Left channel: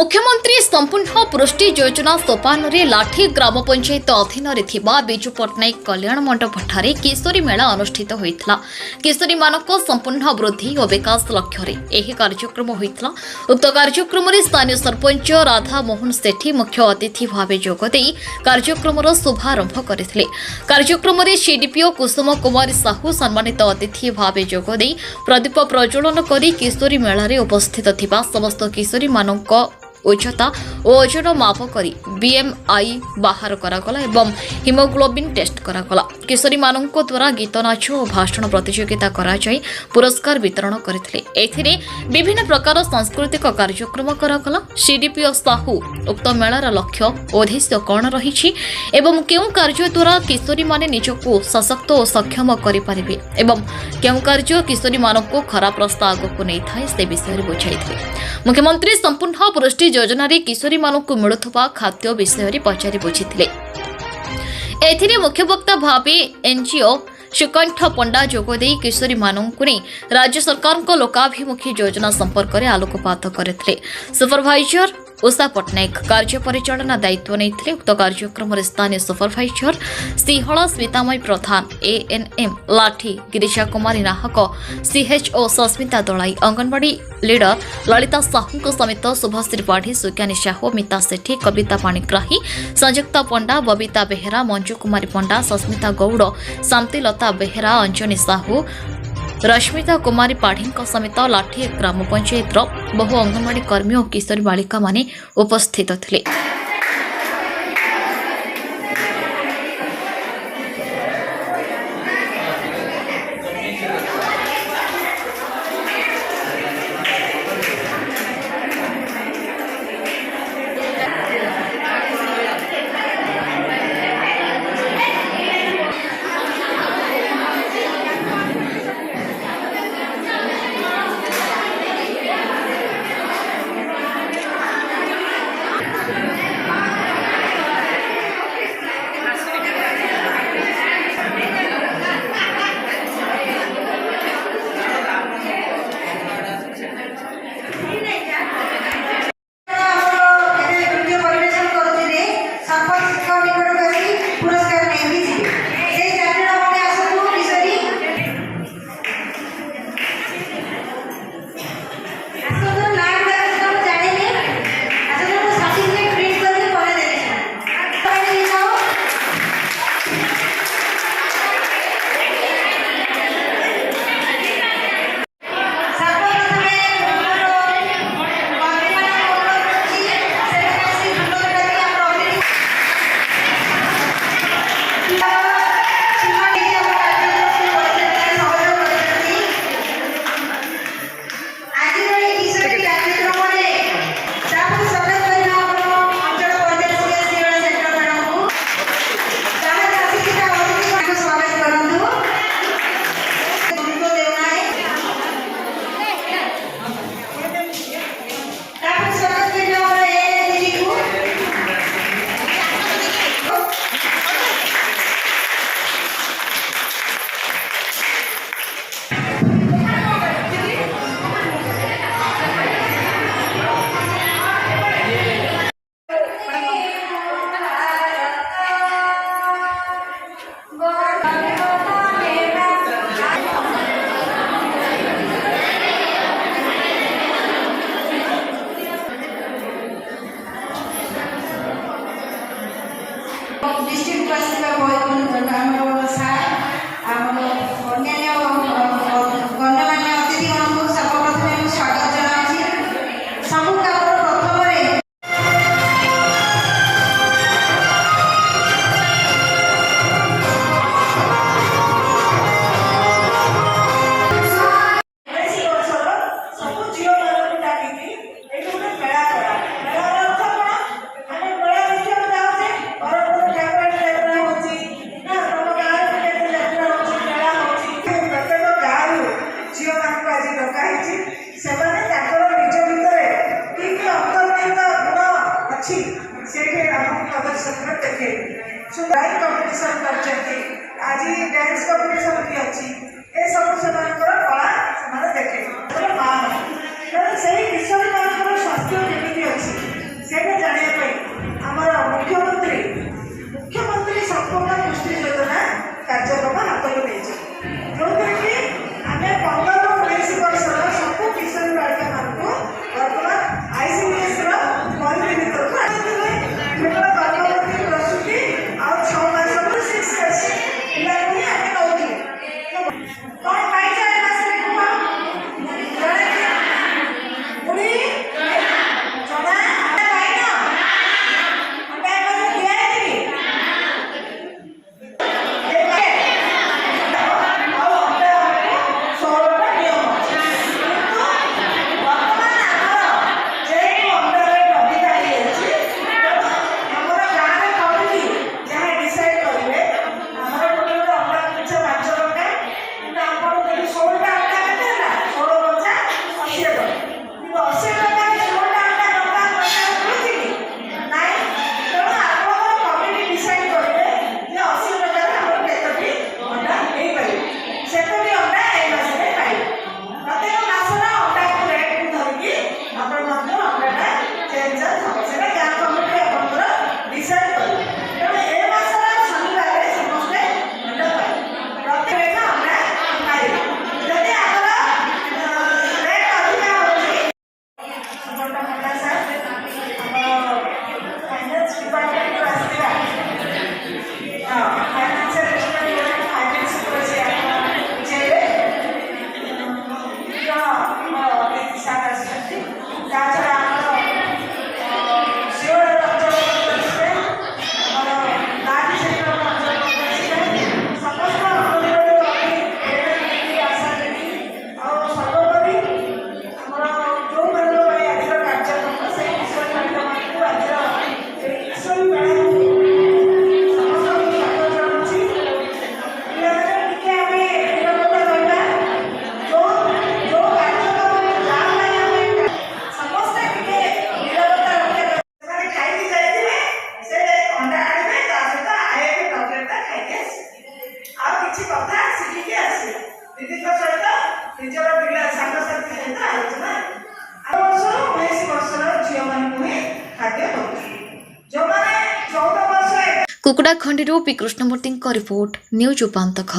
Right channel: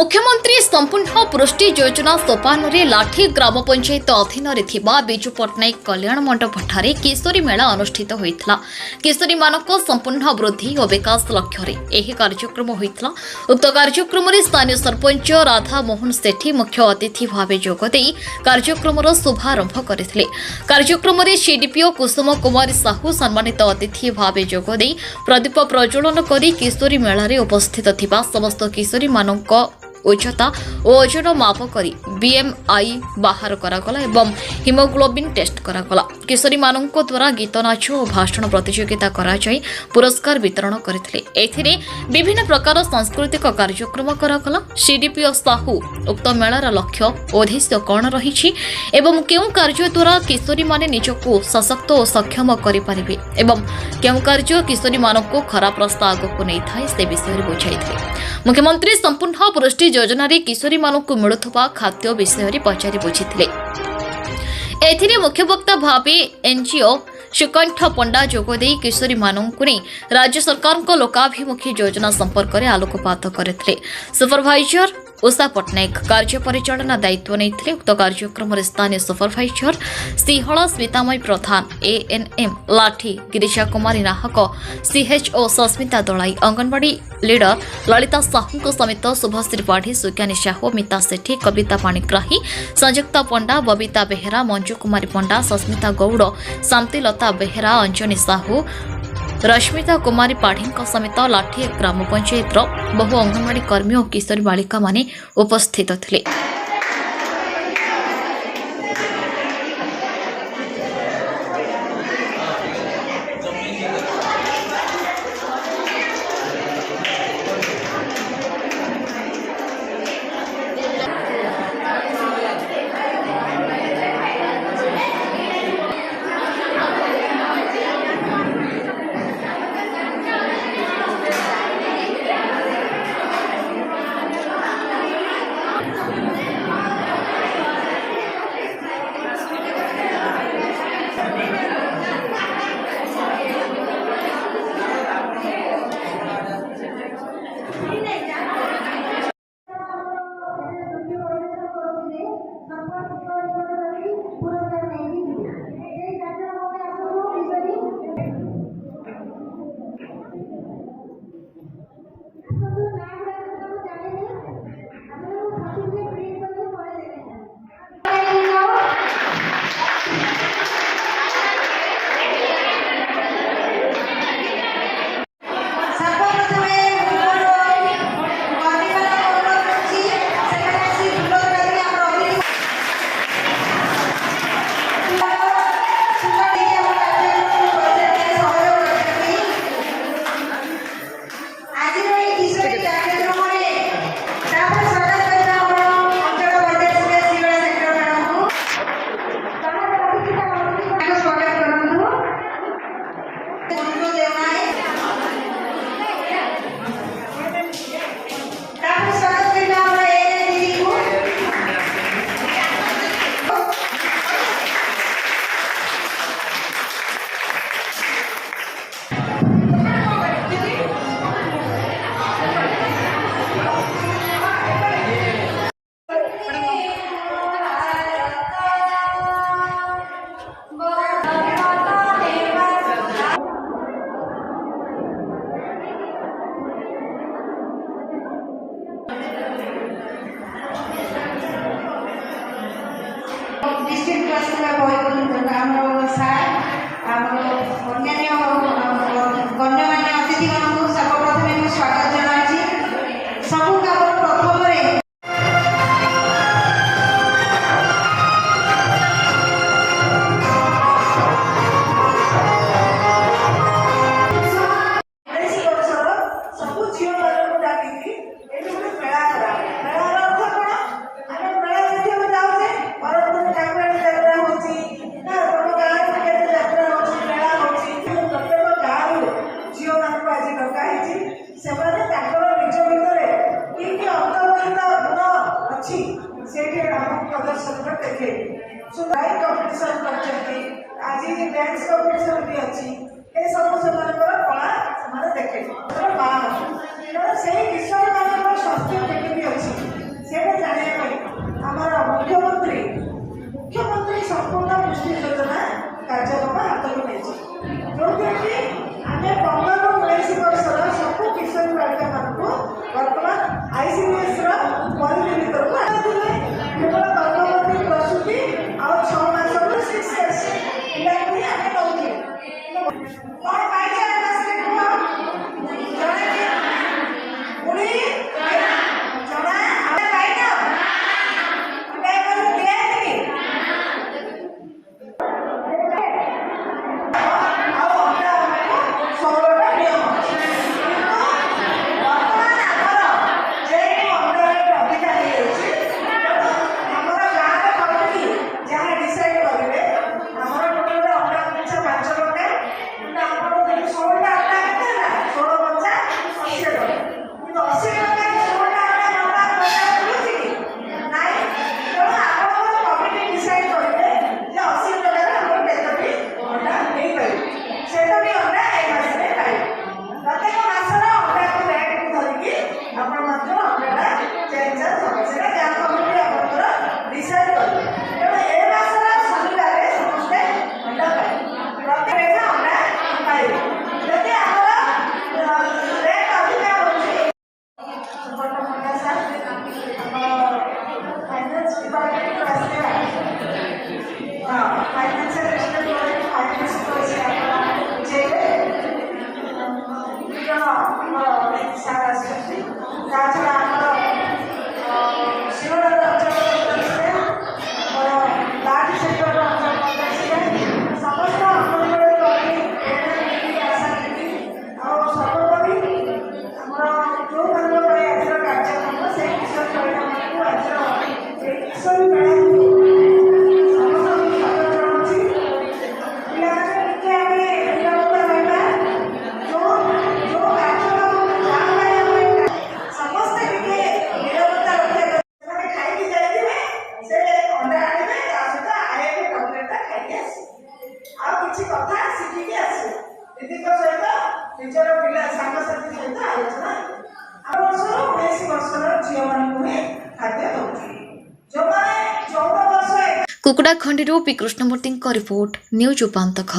मुख्यमंत्री संपूर्ण पुष्टि योजना सोपान रे लाठी ग्राम पंचायत अधीन विजु पट्टनायक कल्याण मंडप ठारे किशोरी मेला अनुष्ठित होता। किशोरी मानक संपूर्ण वृद्धि और विकास लक्ष्य यह कार्यक्रम होता। उक्त कार्यक्रम स्थानीय सरपंच राधा मोहन सेठी मुख्य अतिथि भाव जोगदे कार्यक्रम शुभारंभ करते। कार्यक्रम सीडीपीओ कुसुम कुमारी साहू सम्मानित अतिथि भाव जोगदे प्रदीप प्रज्वलन कर किशोरी मेला उपस्थित थिबा समस्त किशोरी मानक उच्चता और ओजन माप कर बीएमआई बाहर करागला एवं हिमोग्लोबिन टेस्ट करागला। किशोरी मानक द्वारा गीत नाच और भाषण प्रतियोगिता कराई पुरस्कार वितरण करथिले। एथिरे विभिन्न प्रकार सांस्कृतिक कार्यक्रम करागला। सीडीपीओ साहू उक्त मेलार लक्ष्य उद्देश्य कौन रही एवं केउ कार्य द्वारा किशोरी माने निजको सशक्त और सक्षम करि परिबे एवं केउ कार्य किशोरी मानक खराब रास्ता आगको नहीं थाए से विषय बुझाइथिले। मुख्यमंत्री संपूर्ण पुष्टि योजना रे किशोरी मानक मिलुथबा खाद्य विषय पचारि बुझिथिले। एथिरे मुख्य वक्ता भावे एनजीओ सुकंठ पंडा जोगदे किशोरी मानक ने राज्य सरकार को लोकाभिमुखी योजना संपर्क में आलोकपात करथिले। सुपरवाइजर उषा पट्टनायक कार्य परिचालना दायित्व नहीं। उक्त कार्यक्रम स्थानीय सुपरवाइजर सिंहला स्मितामय प्रधान एएनएम लाठी गिरिजा कुमारी नाहक सीएचओ सस्मिता दलाई अंगनवाड़ी लीडर ललिता साहू समेत शुभश्री पाढ़ी सुज्ञानी साहू मिता सेठी कविता पाणिग्राही संयुक्ता पंडा बबीता बेहेरा मंजू कुमारी पंडा सस्मिता गौड़ शांतिलता बेहेरा अंजनी साहू रश्मिता कुमारी पाढ़ी समेत लाठी ग्राम पंचायत बहु अंगनवाड़ी कर्मी और किशोरी बालिका माने उपस्थित थिले। आज डांस कॉम्पिटिशन भी अच्छी ए सब से कला से देखे से विषय स्वास्थ्य केमी अच्छी ନିଜର ପିଲା ସାଙ୍ଗସାଥି ସହିତ ଆଲୋଚନା 8 ବର୍ଷରୁ 19 ବର୍ଷର ଝିଅମାନଙ୍କୁ ହିଁ ଖାଦ୍ୟ ଦେଉଛୁ। ଯେଉଁମାନେ 14 ବର୍ଷ କୁକୁଡ଼ା ଖଣ୍ଡିରୁ ପି କୃଷ୍ଣମୂର୍ତ୍ତିଙ୍କ ରିପୋର୍ଟ ନ୍ୟୁଜ୍ ଉପାନ୍ତ ଖବର।